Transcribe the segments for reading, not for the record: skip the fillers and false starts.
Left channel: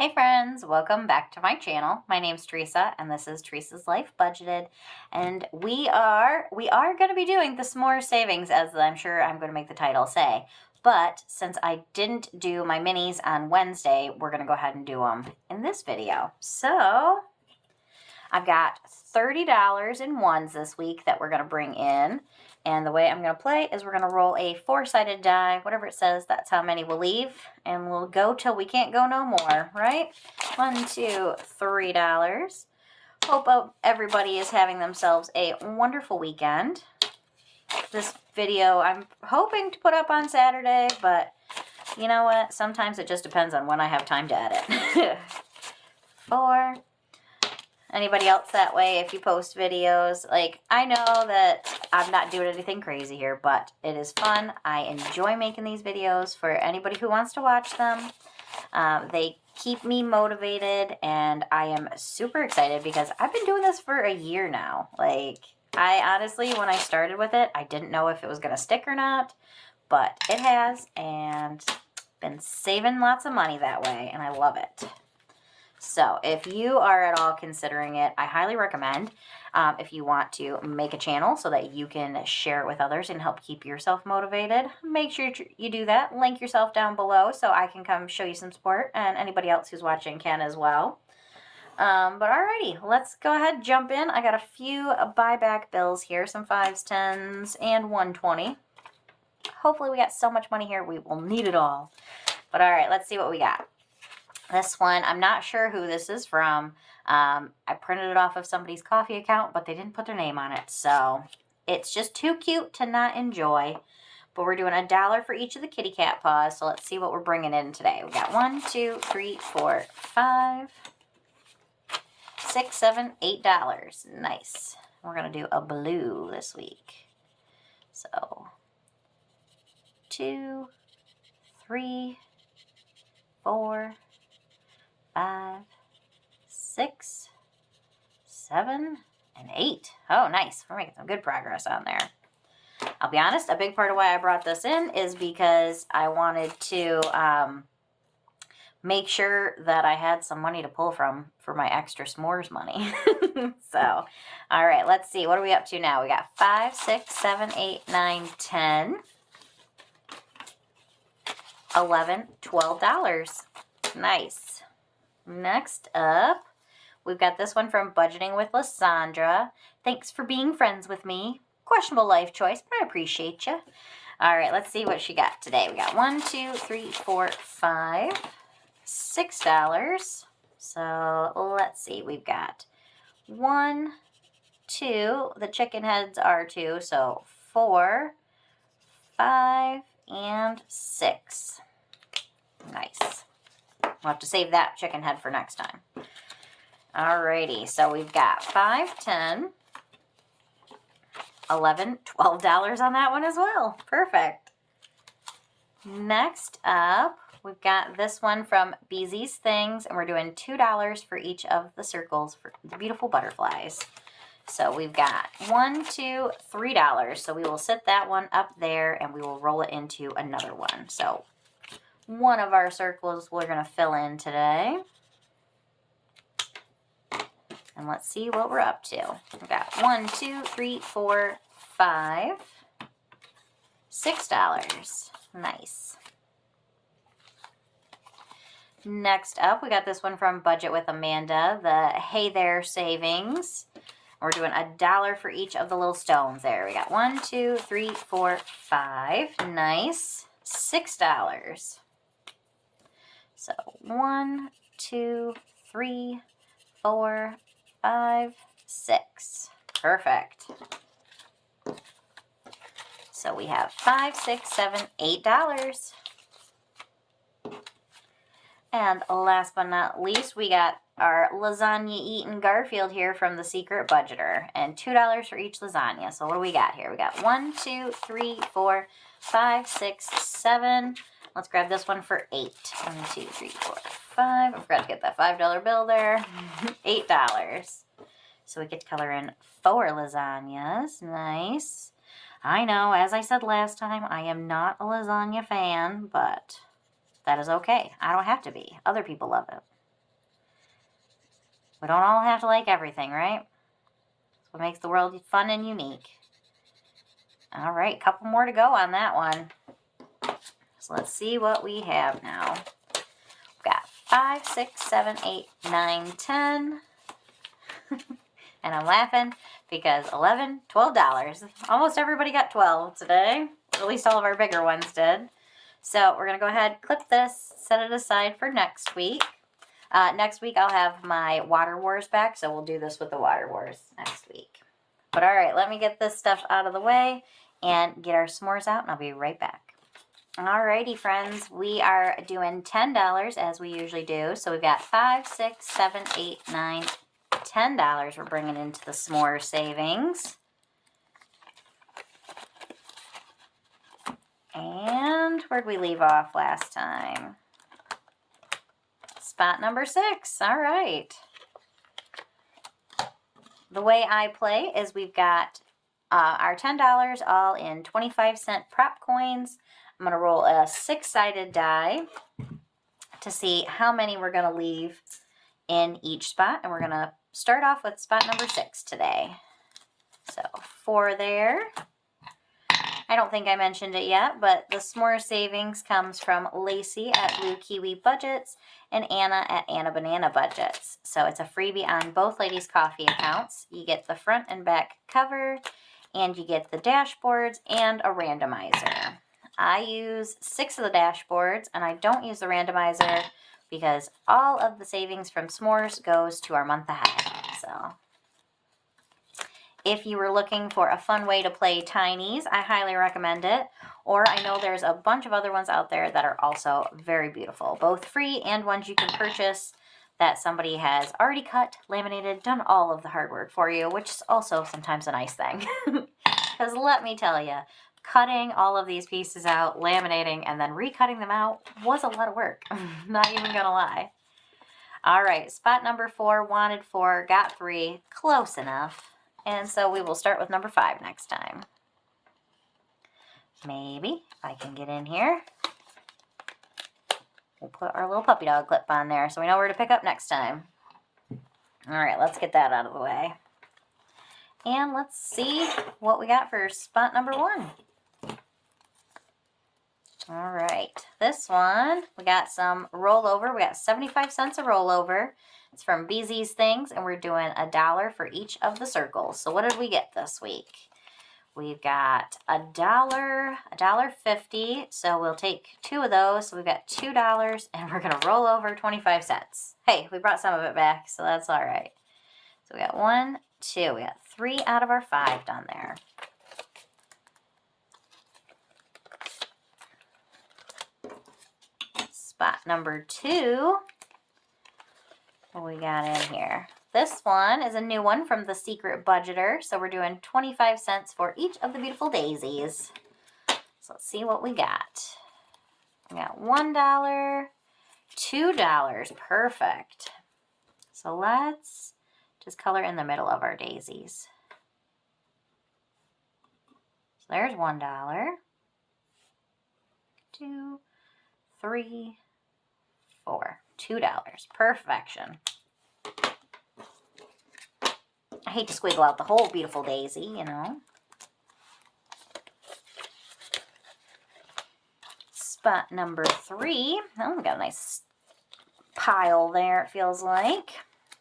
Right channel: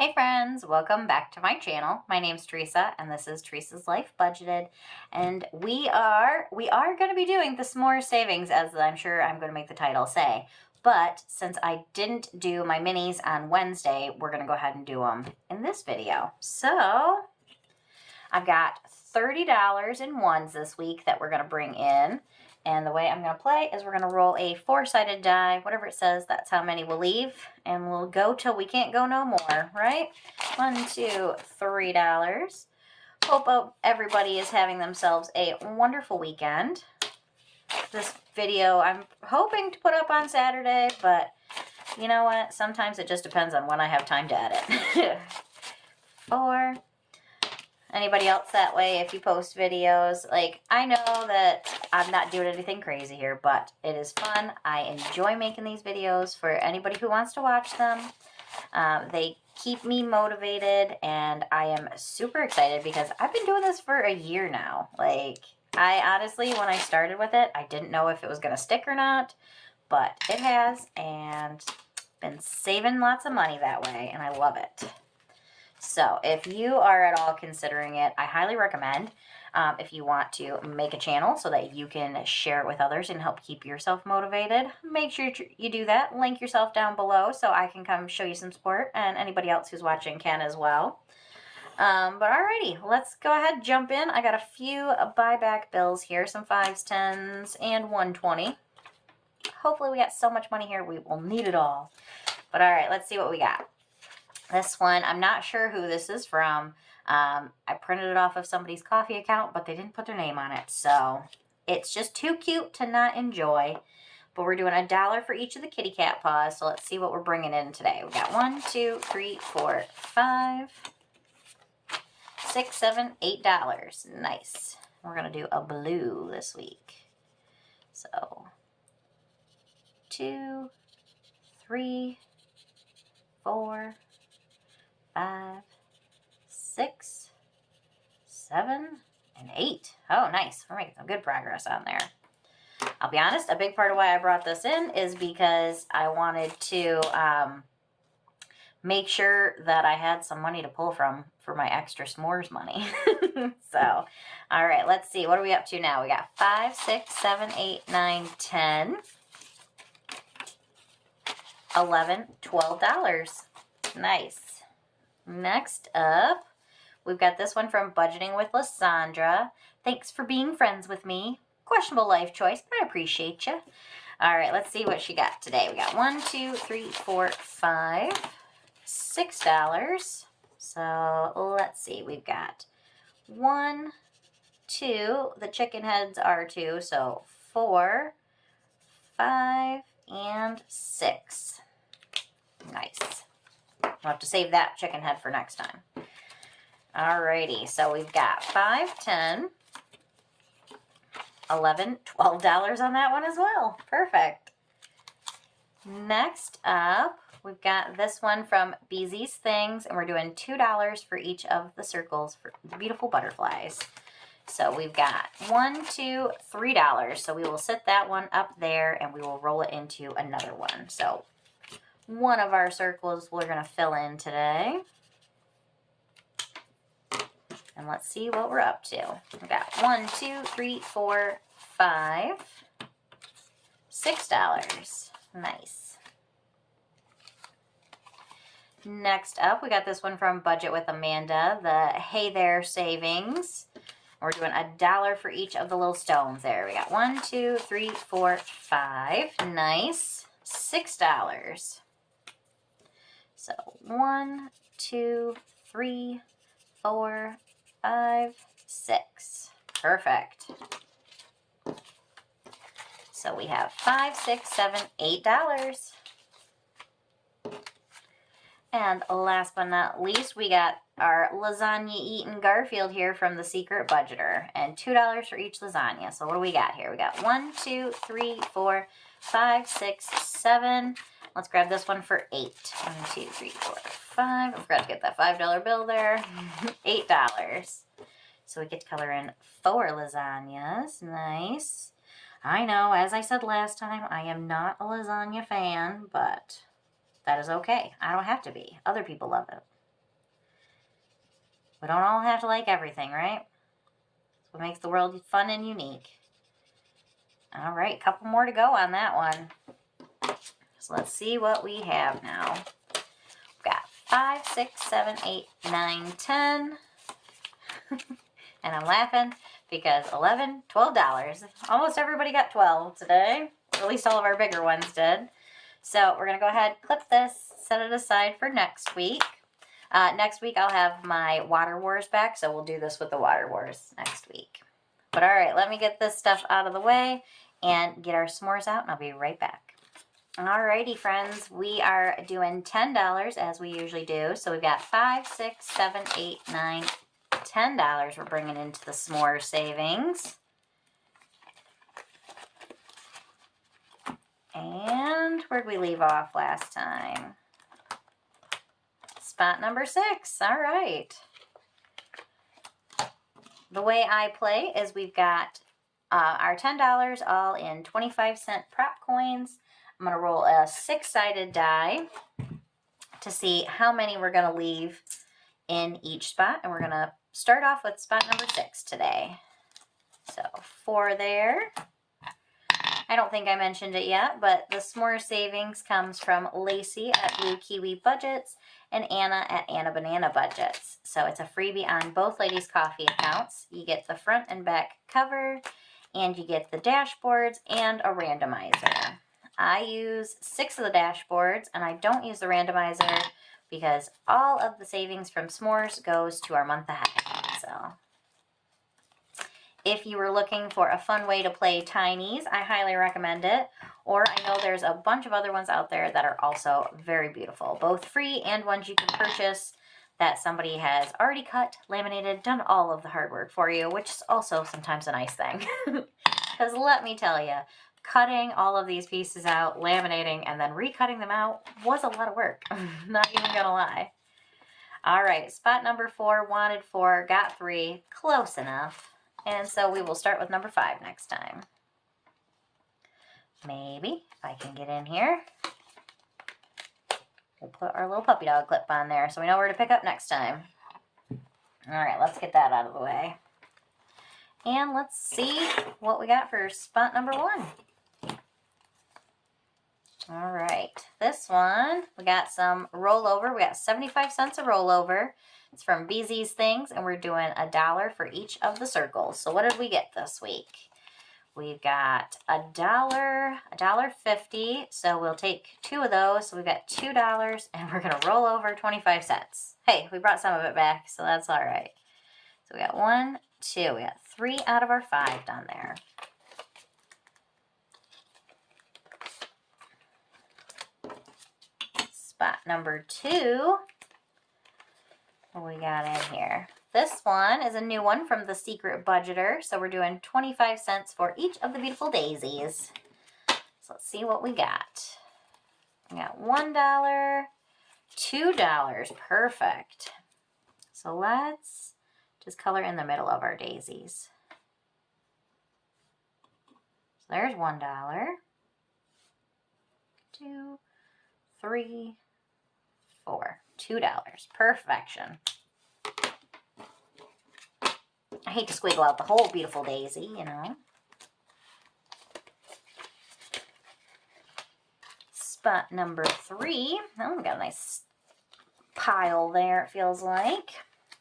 Hey friends, welcome back to my channel. My name's Teresa and this is Teresa's Life Budgeted. And we are going to be doing the s'more savings, as I'm sure I'm going to make the title say. But since I didn't do my minis on Wednesday, we're going to go ahead and do them in this video. So I've got $30 in ones this week that we're going to bring in. And the way I'm going to play is we're going to roll a four-sided die. Whatever it says, that's how many we'll leave. And we'll go till we can't go no more, right? $1, $2, $3. Hope everybody is having themselves a wonderful weekend. This video I'm hoping to put up on Saturday, but you know what? Sometimes it just depends on when I have time to edit. 4. Anybody else that way, if you post videos, like, I know that I'm not doing anything crazy here, but it is fun. I enjoy making these videos for anybody who wants to watch them. They keep me motivated, and I am super excited because I've been doing this for a year now. Like, I honestly, when I started with it, I didn't know if it was going to stick or not, but it has, and been saving lots of money that way, and I love it. So if you are at all considering it, I highly recommend if you want to make a channel so that you can share it with others and help keep yourself motivated. Make sure you do that. Link yourself down below so I can come show you some support, and anybody else who's watching can as well. But alrighty, let's go ahead, jump in. I got a few buyback bills here, some 5s, 10s, and 120. Hopefully we got so much money here we will need it all. But alright, let's see what we got. This one, I'm not sure who this is from. I printed it off of somebody's coffee account, but they didn't put their name on it. So it's just too cute to not enjoy. But we're doing $1 for each of the kitty cat paws. So let's see what we're bringing in today. We got 1, 2, 3, 4, 5, 6, $7, $8. Nice. We're going to do a blue this week. So 2, 3, 4, 5, 6, 7, and 8. Oh, nice. We're making some good progress on there. I'll be honest, a big part of why I brought this in is because I wanted to make sure that I had some money to pull from for my extra s'mores money. So, all right, let's see. What are we up to now? We got 5, 6, 7, 8, 9, 10, 11, $12. Nice. Next up, we've got this one from Budgeting with Lysandra. Thanks for being friends with me. Questionable life choice, but I appreciate you. All right, let's see what she got today. We got 1, 2, 3, 4, 5, $6. So let's see. We've got 1, 2. The chicken heads are 2, so 4, 5, and 6. Nice. We'll have to save that chicken head for next time. Alrighty, so we've got 5, 10, 11, $12 on that one as well. Perfect. Next up, we've got this one from Beezy's Things, and we're doing $2 for each of the circles for the beautiful butterflies. So we've got 1, 2, $3. So we will sit that one up there, and we will roll it into another one. So one of our circles we're going to fill in today. And let's see what we're up to. We've got 1, 2, 3, 4, 5, $6. Nice. Next up, we got this one from Budget with Amanda, the Hey There Savings. We're doing $1 for each of the little stones there. We got 1, 2, 3, 4, 5. Nice. $6. So 1, 2, 3, 4, 5, 6. Perfect. So we have 5, 6, 7, $8. And last but not least, we got our lasagna eating Garfield here from the Secret Budgeter. And $2 for each lasagna. So what do we got here? We got 1, 2, 3, 4, 5, 6, 7. Let's grab this one for 8. 1, 2, 3, 4, 5. I forgot to get that $5 bill there. $8. So we get to color in 4 lasagnas. Nice. I know, as I said last time, I am not a lasagna fan, but that is okay. I don't have to be. Other people love it. We don't all have to like everything, right? That's what makes the world fun and unique. All right, couple more to go on that one. So let's see what we have now. We've got 5, 6, 7, 8, 9, 10. And I'm laughing because $11, $12. Almost everybody got 12 today. At least all of our bigger ones did. So we're going to go ahead, clip this, set it aside for next week. Next week I'll have my Water Wars back, so we'll do this with the Water Wars next week. But all right, let me get this stuff out of the way and get our s'mores out, and I'll be right back. Alrighty, friends, we are doing $10 as we usually do. So we've got 5, 6, 7, 8, 9, $10 we're bringing into the s'more savings. And where'd we leave off last time? Spot number 6. All right. The way I play is we've got our $10 all in 25-cent prop coins. I'm going to roll a 6-sided die to see how many we're going to leave in each spot. And we're going to start off with spot number 6 today. So 4 there. I don't think I mentioned it yet, but the s'more savings comes from Lacey at Blue Kiwi Budgets and Anna at Anna Banana Budgets. So it's a freebie on both ladies' coffee accounts. You get the front and back cover, and you get the dashboards and a randomizer. I use 6 of the dashboards, and I don't use the randomizer because all of the savings from s'mores goes to our month ahead. So if you were looking for a fun way to play Tinies, I highly recommend it. Or I know there's a bunch of other ones out there that are also very beautiful, both free and ones you can purchase that somebody has already cut, laminated, done all of the hard work for you, which is also sometimes a nice thing. Because let me tell you, cutting all of these pieces out, laminating, and then recutting them out was a lot of work. Not even gonna lie. All right, spot number 4, wanted 4, got 3, close enough. And so we will start with number 5 next time. Maybe, if I can get in here. We'll put our little puppy dog clip on there so we know where to pick up next time. All right, let's get that out of the way. And let's see what we got for spot number 1. All right, this one, we got some rollover. We got 75 cents a rollover. It's from BZ's Things, and we're doing $1 for each of the circles. So what did we get this week? We've got $1.50. So we'll take 2 of those. So we've got $2, and we're going to roll over 25 cents. Hey, we brought some of it back, so that's all right. So we got 1, 2. We got 3 out of our 5 done there. Spot number 2. What we got in here? This one is a new one from the Secret Budgeter. So we're doing 25 cents for each of the beautiful daisies. So let's see what we got. We got $1, $2. Perfect. So let's just color in the middle of our daisies. So there's $1, 2, 3, 4, $2. Perfection. I hate to squiggle out the whole beautiful daisy, you know. Spot number 3. Oh, we got a nice pile there, it feels like.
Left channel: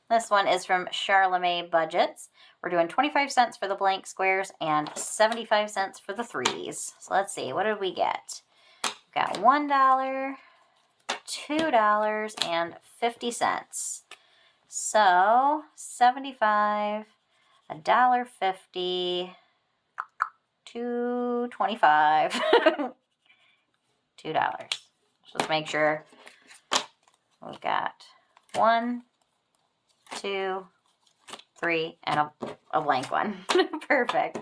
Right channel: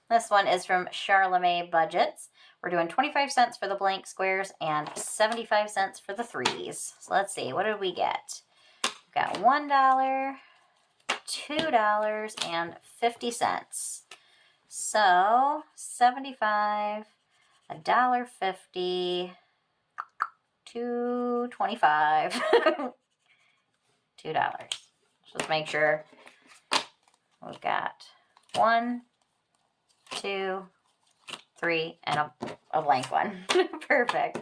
This one is from Sharla Mae Budgets. We're doing 25 cents for the blank squares and 75 cents for the 3s. So let's see, what did we get? We've got $1, $2, and 50 cents. So 75, $1.50, $2.25, $2. Just make sure we've got 1, 2, 3, and a blank one. Perfect.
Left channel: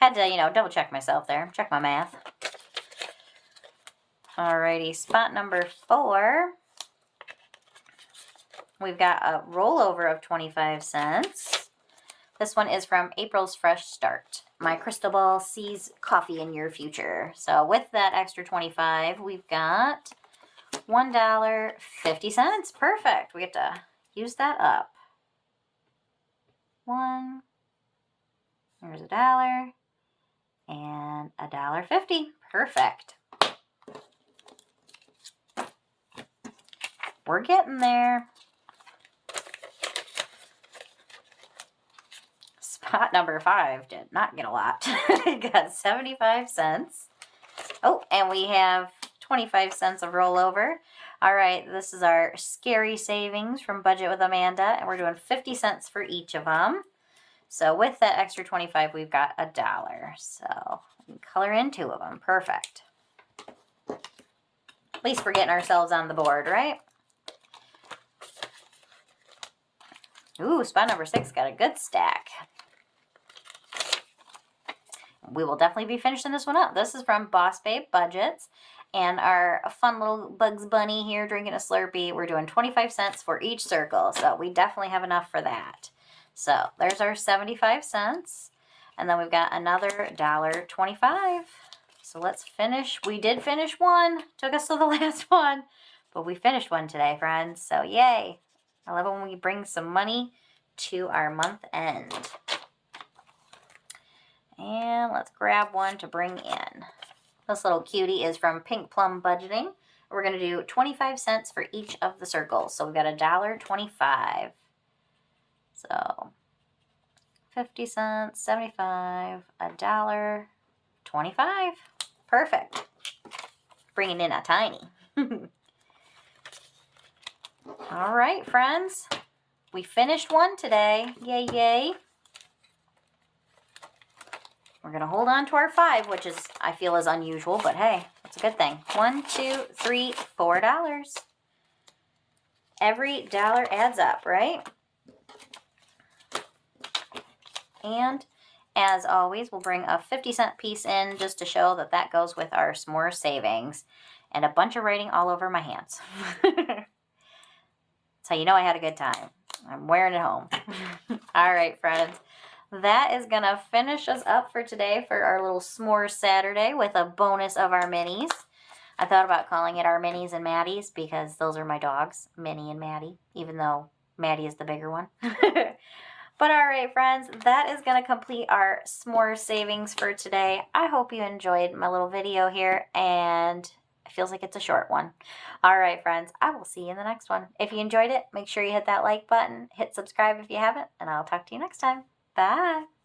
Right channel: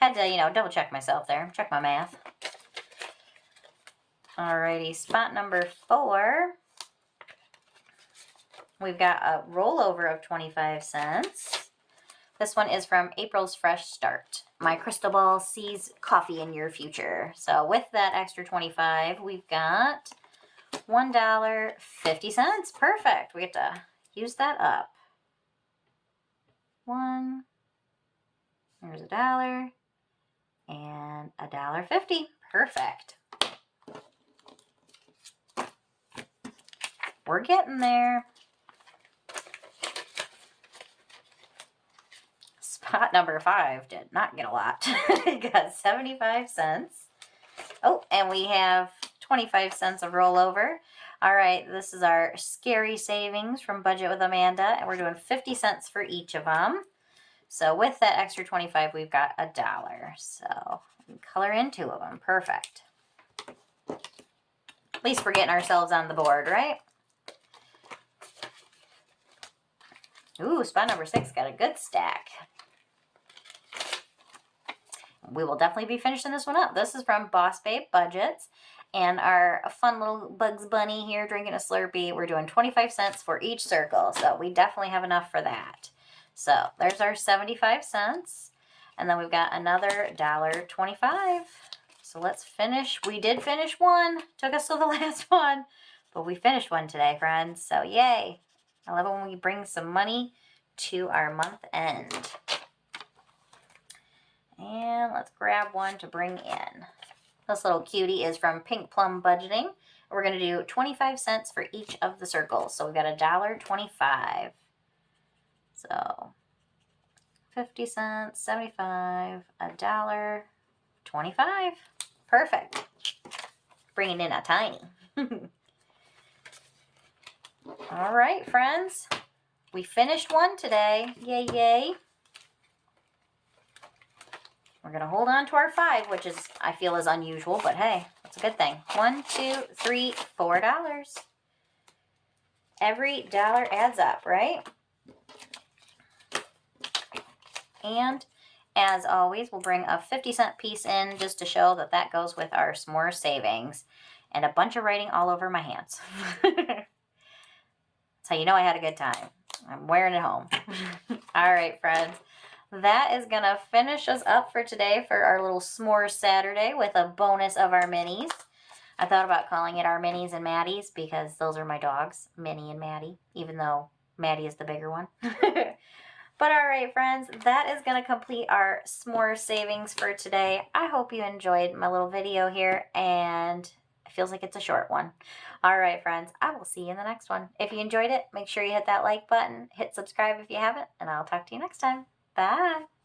Had to, double check myself there. Check my math. Alrighty, spot number 4. We've got a rollover of 25 cents. This one is from April's Fresh Start. My crystal ball sees coffee in your future. So with that extra 25, we've got $1.50. Perfect. We get to use that up. 1. There's $1 and $1.50. Perfect. We're getting there. Spot number 5 did not get a lot. Got 75 cents. Oh, and we have 25 cents of rollover. All right, this is our scary savings from Budget with Amanda, and we're doing 50 cents for each of them. So with that extra 25, we've got $1. So we can color in 2 of them. Perfect. At least we're getting ourselves on the board, right? Ooh, spot number 6 got a good stack. We will definitely be finishing this one up. This is from BossBabeBudgets. And our fun little Bugs Bunny here drinking a Slurpee. We're doing 25 cents for each circle. So we definitely have enough for that. So there's our 75 cents. And then we've got another $1.25. So let's finish. We did finish one. Took us to the last one. But we finished one today, friends. So yay. I love it when we bring some money to our month end. And let's grab one to bring in. This little cutie is from Plum Budgeting. We're going to do 25 cents for each of the circles. So we've got $1.25. So 50 cents, 75, $1.25. Perfect. Bringing in a tiny. All right, friends. We finished one today. Yay, yay. We're going to hold on to our 5, which is, I feel, is unusual, but hey, that's a good thing. 1, 2, 3, $4. Every dollar adds up, right? And as always, we'll bring a 50-cent piece in just to show that that goes with our s'more savings. And a bunch of writing all over my hands. That's how you know I had a good time. I'm wearing it home. All right, friends. That is going to finish us up for today for our little s'more Saturday with a bonus of our minis. I thought about calling it our minis and Maddies because those are my dogs, Minnie and Maddie, even though Maddie is the bigger one. But all right, friends, that is going to complete our s'more savings for today. I hope you enjoyed my little video here, and it feels like it's a short one. All right, friends, I will see you in the next one. If you enjoyed it, make sure you hit that like button, hit subscribe if you haven't, and I'll talk to you next time. Bye.